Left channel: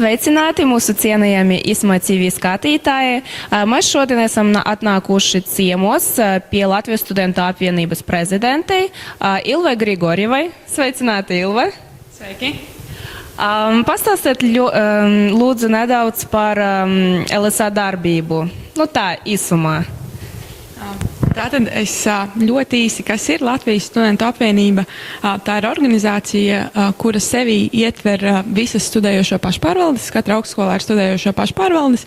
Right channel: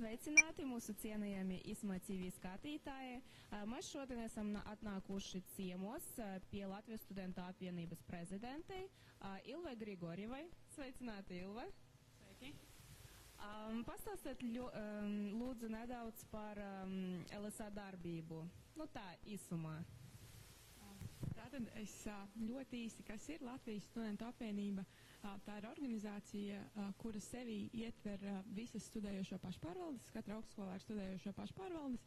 Sveicināti mūsu cienījami ISMA TV skatītāji. Mēs šodien esam atnākuši ciemos pie Latvijas studentu apvienības prezidentei Ilvai Grigorjevai. Sveicināti, Ilva! Sveiki! Pastāstiet lūdzu nedaudz par LSA darbību. Tā īsumā. Tātad es ļoti īsi, kas ir Latvijas studentu apvienība. Tā ir organizācija, kura sevī ietver visas studējošo pašpārvaldes, katra augstskolā ir studējošo pašpārvaldes,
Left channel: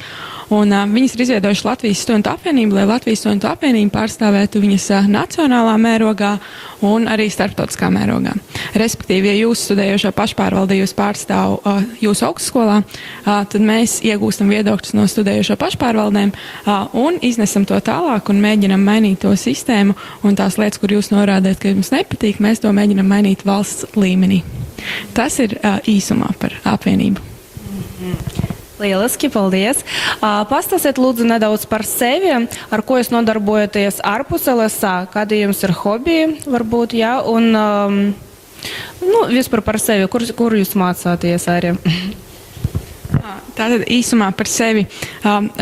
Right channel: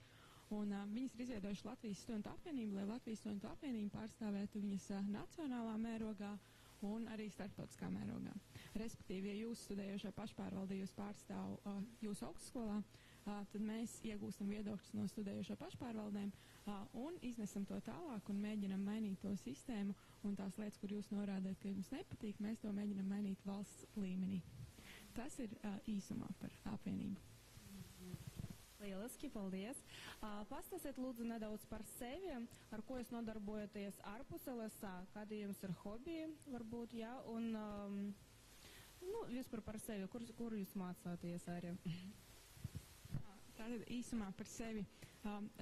un viņas ir izveidojuši Latvijas studentu apvienību, lai Latvijas studentu apvienība pārstāvētu viņas nacionālā mērogā un arī starptautiskā mērogā. Respektīvi, ja jūs studējošo pašpārvaldi jūs pārstāv jūsu augstskolā, tad mēs iegūstam viedokļus no studējošo pašpārvaldēm un iznesam to tālāk un mēģinam mainīt to sistēmu un tās lietas, kur jūs norādāt, ka jums nepatīk, mēs to mēģinam mainīt valsts līmenī. Tas ir īsumā par apvienību. Lieliski, paldies. Pastāstiet lūdzu nedaudz par sevi, ar ko jūs nodarbojaties ārpus LSA, kādi jums ir hobiji, varbūt, jā, un vispār par sevi, kur jūs mācāties arī? Tātad īsumā par sevi.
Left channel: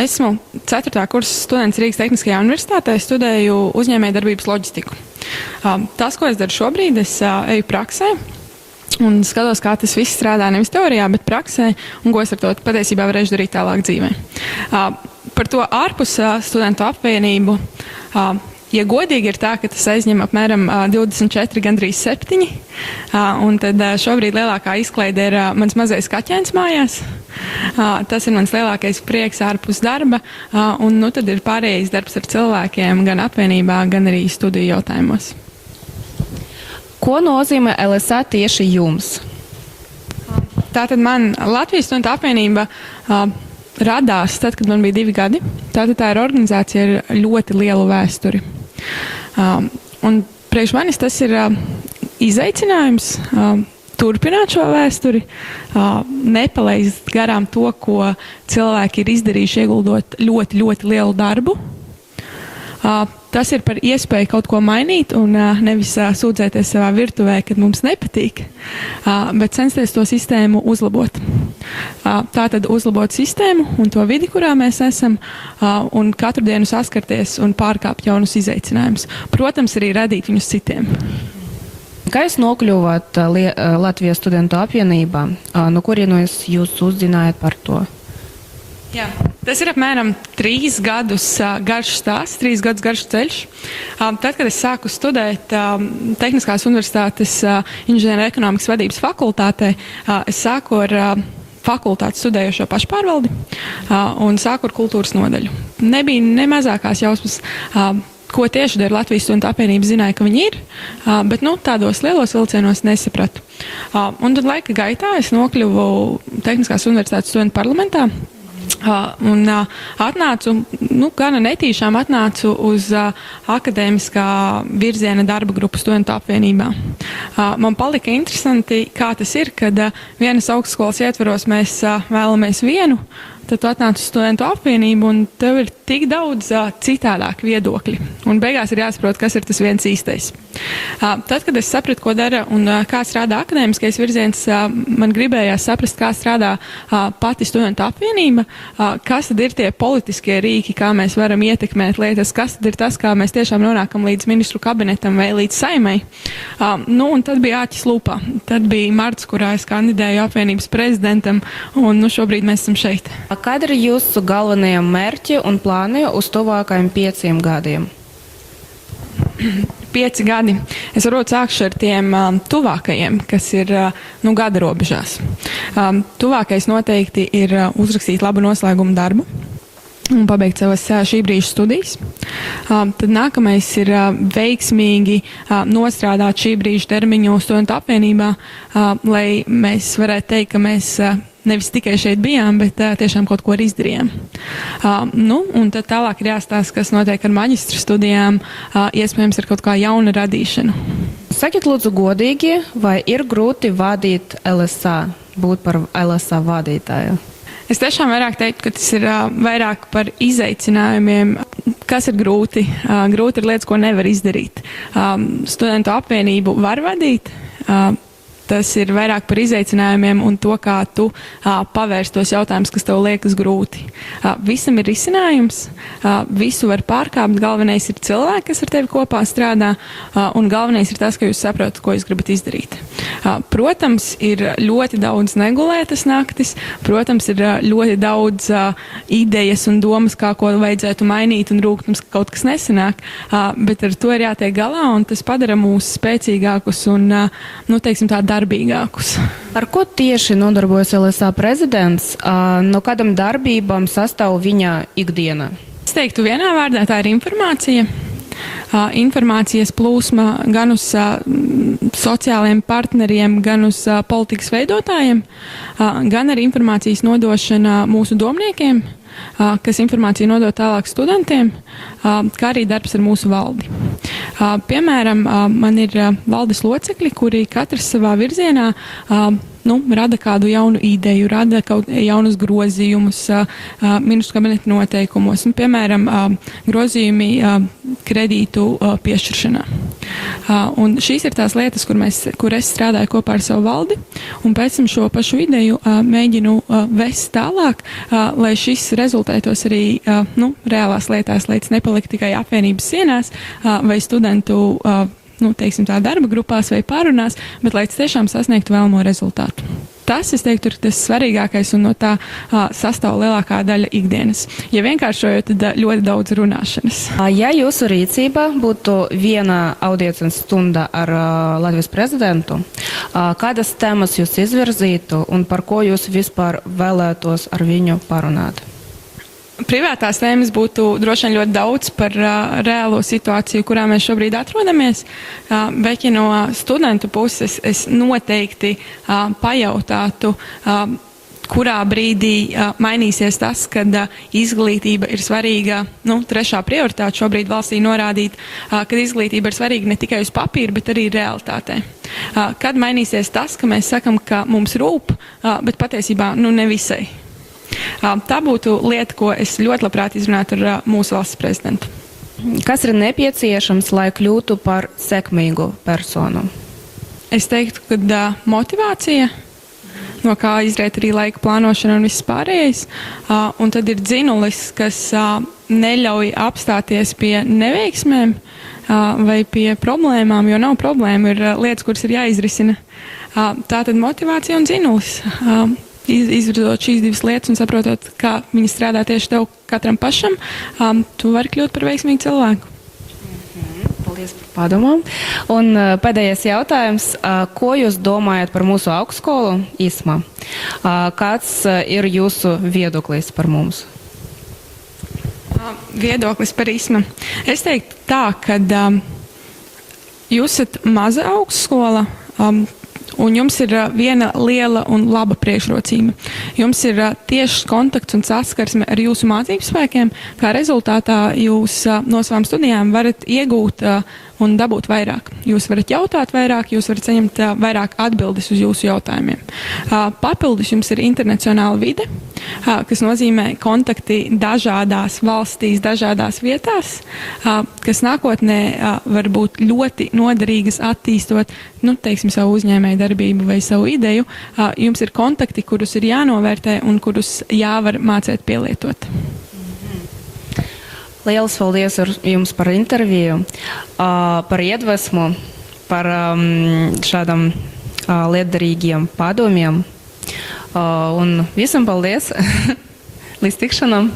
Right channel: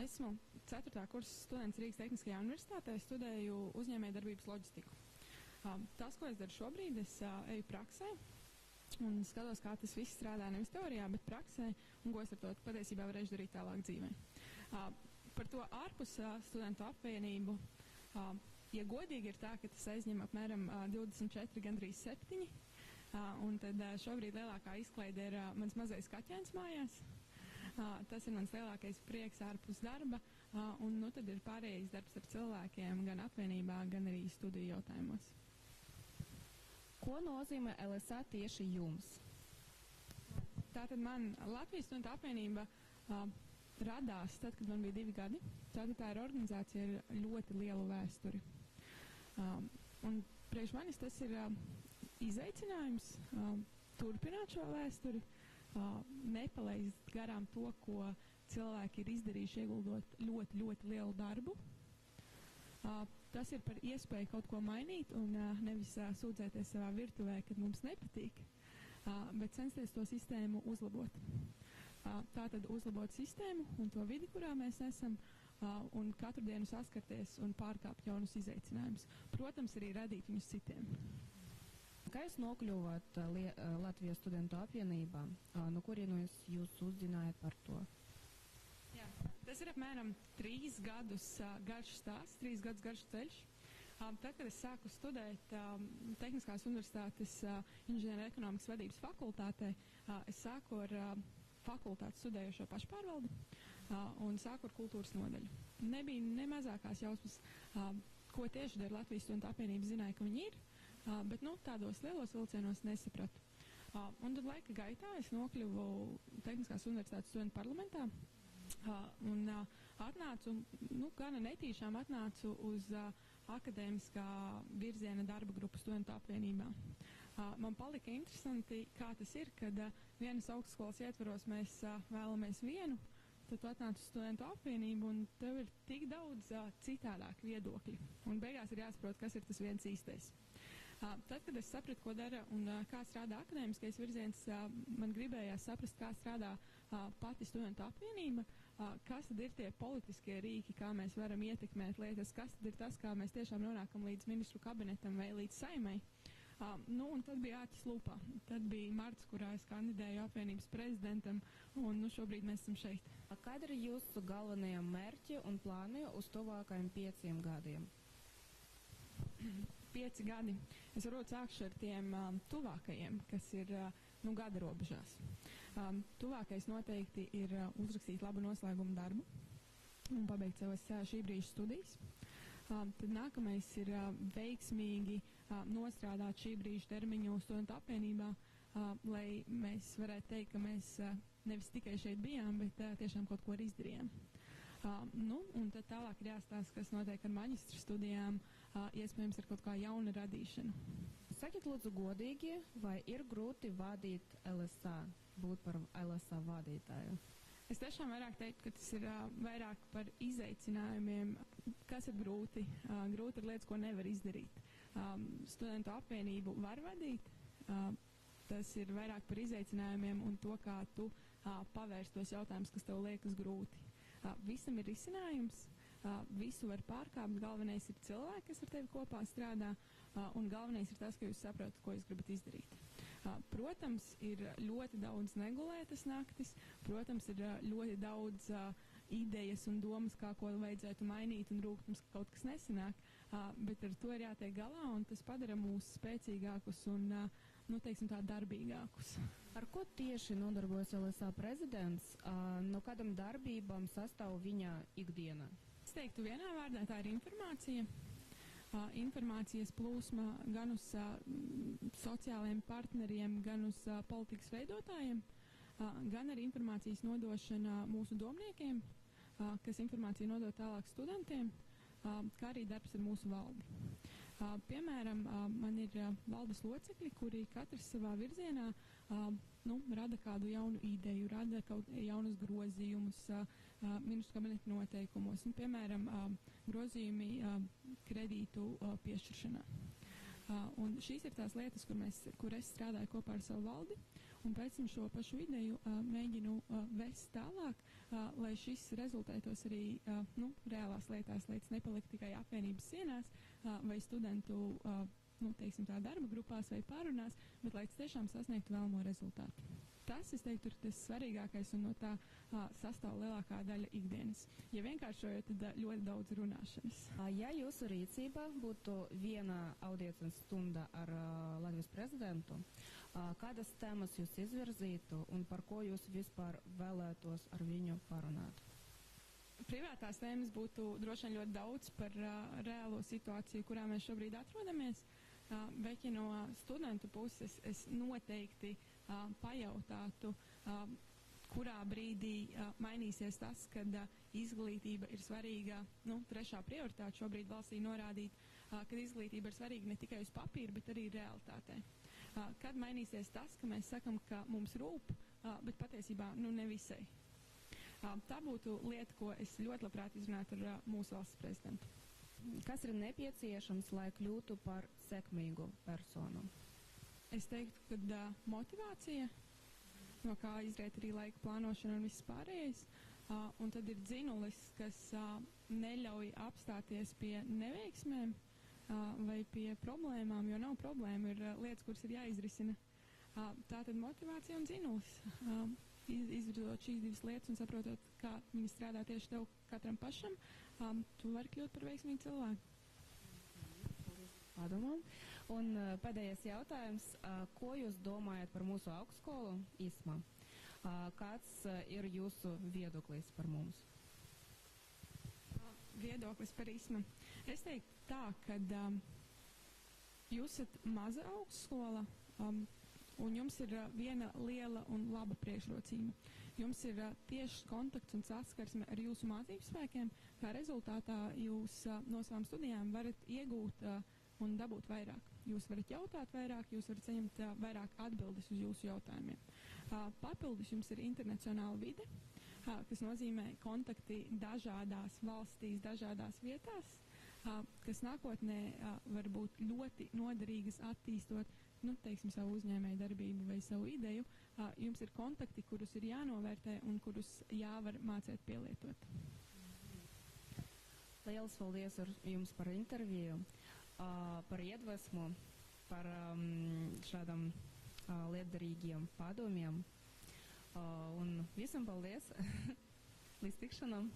Esmu 4. kursa students Rīgas Tehniskajā universitātē, studēju uzņēmējdarbības loģistiku. Tas, ko es daru šobrīd, es eju praksē. Un skatos, kā tas viss strādā nevis teorijā, bet praksē, un ko es ar to patiesībā varēšu darīt tālāk dzīvē. Par to ārpus studentu apvienību, ja godīgi ir tā, ka tas aizņem apmēram 24, gandrīz 7, un tad šobrīd lielākā izklaide ir mans mazais kaķēns mājās. Tas ir mans lielākais prieks ārpus darba, un tad ir pārējais darbs ar cilvēkiem gan apvienībā, gan arī studiju jautājumos. Ko nozīmē LSA tieši jums? Tātad man Latvijas studentu apvienība radās tad, kad man bija 2 gadi. Tātad tā ir organizācija ar ļoti lielu vēsturi. Un priekš manis tas ir izaicinājums turpināt šo vēsturi, nepalaist garām to, ko cilvēki ir izdarījuši, ieguldot ļoti, ļoti lielu darbu. Tas ir par iespēju kaut ko mainīt un nevis sūdzēties savā virtuvē, kad mums nepatīk, bet censties to sistēmu uzlabot. Tātad uzlabot sistēmu un to vidi, kurā mēs esam, un katru dienu saskarties un pārkāpt jaunus izaicinājumus. Protams, arī radīt viņus citiem. Kā jūs nokļuvāt Latvijas studentu apvienībā? No kurienes jūs uzzinājāt par to? Jā, tas ir apmēram 3 gadus garš stāsts, 3 gadus garš ceļš. Tad, kad es sāku studēt Tehniskās universitātes inženieru ekonomikas vadības fakultātē, es sāku ar fakultāti studējošo pašpārvaldi un sāku ar kultūras nodaļu. Nebija ne mazākās jausmas, ko tieši dara Latvijas studentu apvienība, zināja, ka viņi ir, bet tādos lielos vilcienos nesapratu. Un tad laika gaitā es nokļuvu Tehniskās universitātes studentu parlamentā, un atnācu, gana netīšām atnācu uz akadēmiskā virziena darba grupu studentu apvienībā. Man palika interesanti, kā tas ir, kad vienas augstskolas ietvaros mēs vēlamies vienu, tad tu atnāc uz studentu apvienību un tev ir tik daudz citādāk viedokļi. Un beigās ir jāsaprot, kas ir tas viens īstais. Tad, kad es sapratu, ko dara un kā strādā akadēmiskais virziens, man gribējās saprast, kā strādā pati studentu apvienība, kas tad ir tie politiskie rīki, kā mēs varam ietekmēt lietas, kas tad ir tas, kā mēs tiešām nonākam līdz ministru kabinetam vai līdz saimai. Un tad bija āķis lūpā. Tad bija marts, kurā es kandidēju apvienības prezidentam, un šobrīd mēs esam šeit. Kādi ir jūsu galvenie mērķi un plāni uz tuvākajiem 5 gadiem? 5 gadi. Es varbūt sākšu ar tiem tuvākajiem, kas ir gada robežās. Tuvākais noteikti ir uzrakstīt labu noslēgumu darbu un pabeigt savas šī brīža studijas. Tad nākamais ir veiksmīgi nostrādāt šī brīža termiņu studentu apvienībā, lai mēs varētu teikt, ka mēs nevis tikai šeit bijām, bet tiešām kaut ko izdarījām. Un tad tālāk ir jāstāsta, kas notiek ar maģistra studijām, iespējams ar kaut kā jauna radīšanu. Sakiet lūdzu godīgi, vai ir grūti vadīt LSA, būt par LSA vadītāju? Es tiešām vairāk teiktu, ka tas ir vairāk par izaicinājumiem, kas ir grūti. Grūti ir lietas, ko nevar izdarīt. Studentu apvienību var vadīt. tas ir vairāk par izaicinājumiem un to, kā tu pavērst tos jautājumus, kas tev liekas grūti. Visam ir risinājums, visu var pārkāpt, galvenais ir cilvēki, kas ar tevi kopā strādā, un galvenais ir tas, ka jūs saprotat, ko jūs gribat izdarīt. Protams, ir ļoti daudz negulētas naktis, protams, ir ļoti daudz idejas un domas, kā ko vajadzētu mainīt un rūgtums, ka kaut kas nesanāk, bet ar to ir jātiek galā, un tas padara mūs spēcīgākus un, teiksim tā, darbīgākus. Ar ko tieši nodarbojas LSA prezidents? No kādam darbībām sastāv viņa ikdiena? Es teiktu vienā vārdā, tā ir informācija. Informācijas plūsma gan uz sociāliem partneriem, gan uz politikas veidotājiem, gan arī informācijas nodošana mūsu domniekiem, kas informāciju nodod tālāk studentiem, kā arī darbs ar mūsu valdi. Piemēram, man ir valdes locekļi, kuri katrs savā virzienā rada kādu jaunu ideju, rada kaut jaunus grozījumus ministru kabineta noteikumos, piemēram, grozījumi kredītu piešķiršanā. Un šīs ir tās lietas, kur es strādāju kopā ar savu valdi, un pēc tam šo pašu ideju mēģinu vest tālāk, lai šis rezultētos arī reālās lietās, lai tas nepalikt tikai apvienības sienās vai studentu teiksim tā, darba grupās vai pārunās, bet lai tiešām sasniegtu vēlamo rezultātu. Tas, es teiktu, ir tas svarīgākais un no tā sastāv lielākā daļa ikdienas. Ja vienkāršojot, tad ļoti daudz runāšanas. Ja jūsu rīcībā būtu viena audiences stunda ar Latvijas prezidentu, kādas tēmas jūs izvirzītu un par ko jūs vispār vēlētos ar viņu parunāt? Privātās tēmas būtu droši vien ļoti daudz par reālo situāciju, kurā mēs šobrīd atrodamies, bet ja no studentu puses es noteikti pajautātu, kurā brīdī mainīsies tas, kad izglītība ir svarīga, trešā prioritāte šobrīd valstī norādīt, kad izglītība ir svarīga ne tikai uz papīra, bet arī realitātē. Kad mainīsies tas, ka mēs sakam, ka mums rūp, bet patiesībā nevisai. Tā būtu lieta, ko es ļoti labprāt izrunātu ar mūsu valsts prezidentu. Kas ir nepieciešams, lai kļūtu par sekmīgu personu? Es teiktu, ka motivācija, no kā izriet arī laika plānošana un viss pārējais, un tad ir dzinulis, kas neļauj apstāties pie neveiksmēm vai pie problēmām, jo nav problēma, ir lietas, kuras ir jāizrisina. Tā tad motivācija un dzinulis. Izvirzot šīs divas lietas un saprotot, kā viņi strādā tieši tev katram pašam, tu vari kļūt par veiksmīgu cilvēku. Paldies par padomām. Un pēdējais jautājums. Ko jūs domājat par mūsu augstskolu ISMA? Kāds ir jūsu viedoklis par mums? Viedoklis par ISMA. Es teiktu tā, ka jūs esat maza augstskola, un jums ir viena liela un laba priekšrocība. Jums ir tiešs kontakts un saskarsme ar jūsu mācību spēkiem, kā rezultātā jūs no savām studijām varat iegūt un dabūt vairāk. Jūs varat jautāt vairāk, jūs varat saņemt vairāk atbildes uz jūsu jautājumiem. Papildus jums ir internacionāla vide, kas nozīmē kontakti dažādās valstīs, dažādās vietās, kas nākotnē var būt ļoti noderīgas attīstot, teiksim, savu uzņēmēju darbību vai savu ideju. Jums ir kontakti, kurus ir jānovērtē un kurus jāvar mācēt pielietot. Lielas paldies jums par interviju, par iedvesmu, par šādam lietderīgiem padomiem. Un visam paldies! Līdz tikšanām!